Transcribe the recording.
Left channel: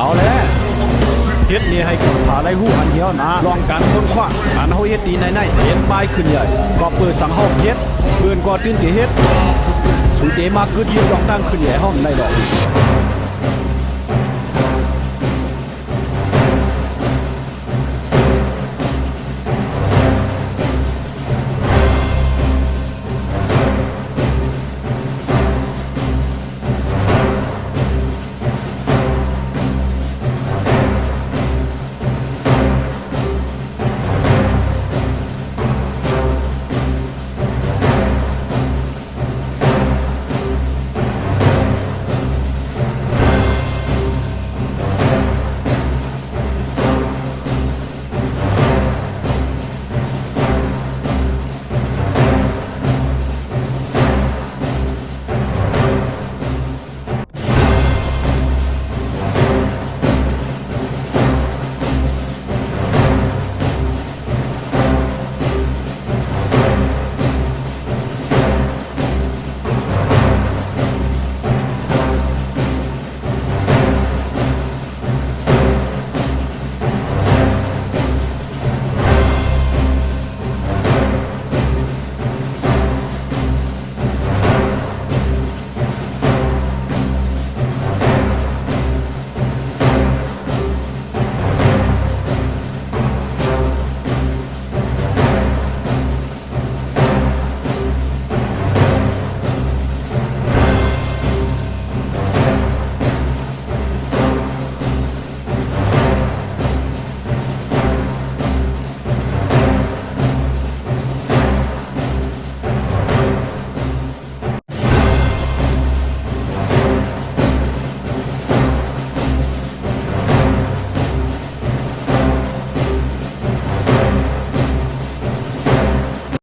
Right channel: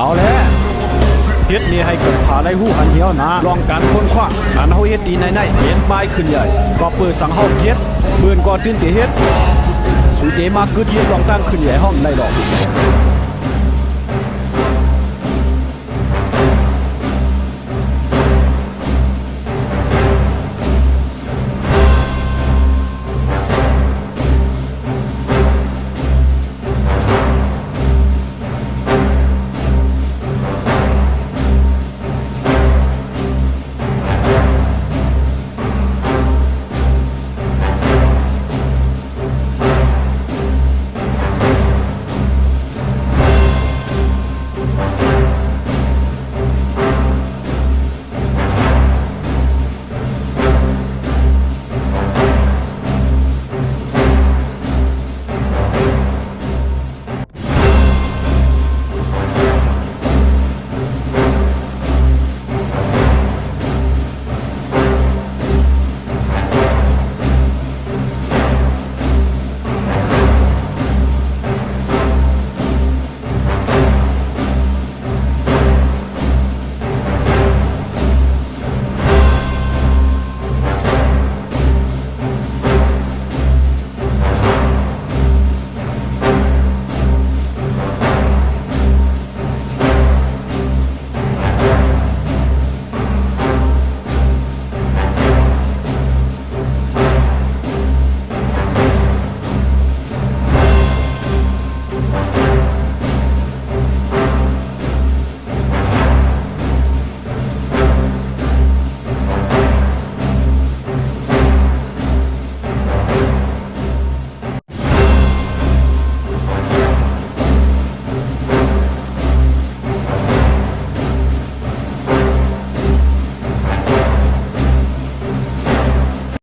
เอาแล้วเฮ็ดนี่ให้กับผาไล่หู้หันเหี่ยวนะลองการค้นคว้าอันเฮาเฮ็ดดีในเห็นปลายขึ้นใหญ่ก็เปิดสังเฮาเฮ็ดเบิ่นก็ตื่นติเฮ็ดสุเดมากึดเฮ็ดลองตั้งขึ้นใหญ่ห้องได้ดอก